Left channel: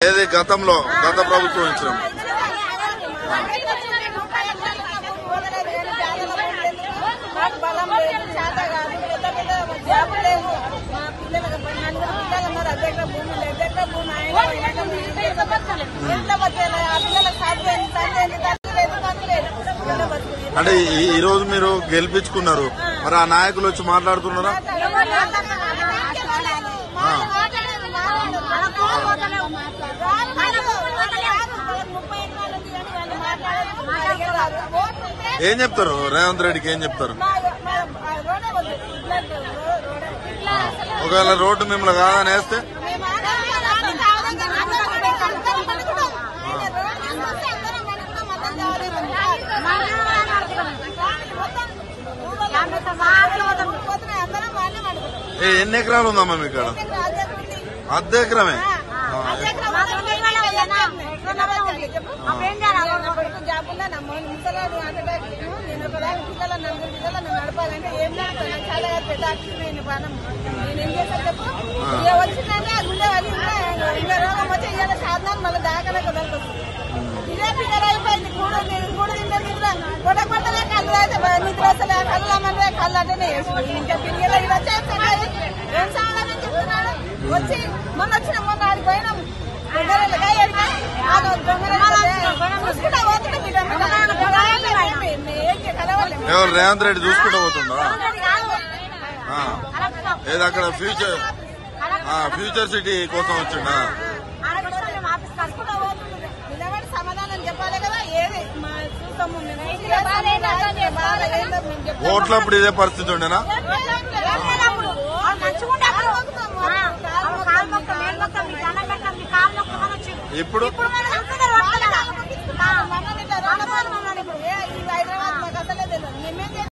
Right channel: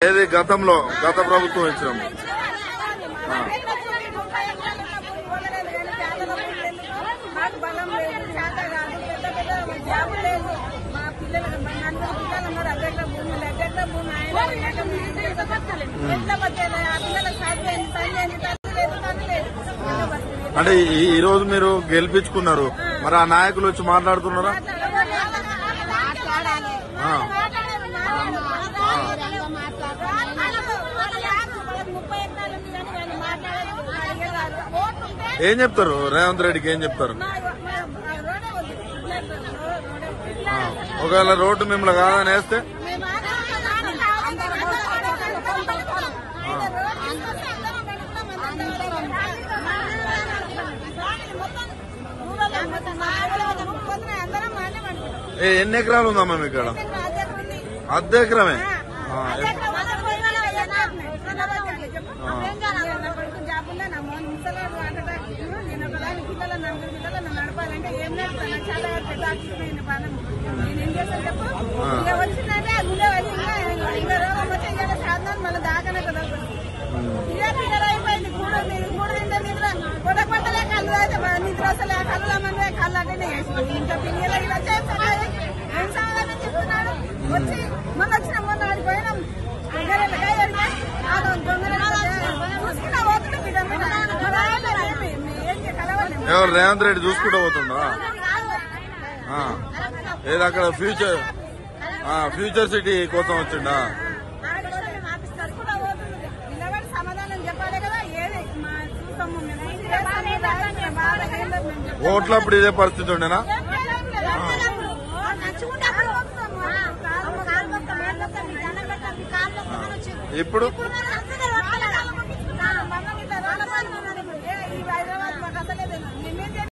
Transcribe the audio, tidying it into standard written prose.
ఏది గతంలో గత ప్రభుత్వం ఇచ్చినాం అంటే ఈ రోజు మీరు గెలిపించుకున్నారు, మరి ఆ నాయకులు వచ్చి మాట్లాడుతున్నారా? ఏం చెప్తారు రేవంత్ రెడ్డికి? ఏం చెప్తారు? ఒకవేళ రోడ్డు మిమ్మల్ని కాదని వేస్తే ఎన్ని ఎకరాలు ఉందమ్మా మీ ఇక్కడ? అర్ధ ఎకరమే. ఎవరు రేవంత్ రెడ్డి చూసుకుంటూ పోతుందా? ఏది అక్కడ ఫ్యూచర్ సిటీ కోసం వచ్చిండా? ఓట్లప్పుడు ఇదే పరిస్థితి ఉండేనా? ఇప్పుడు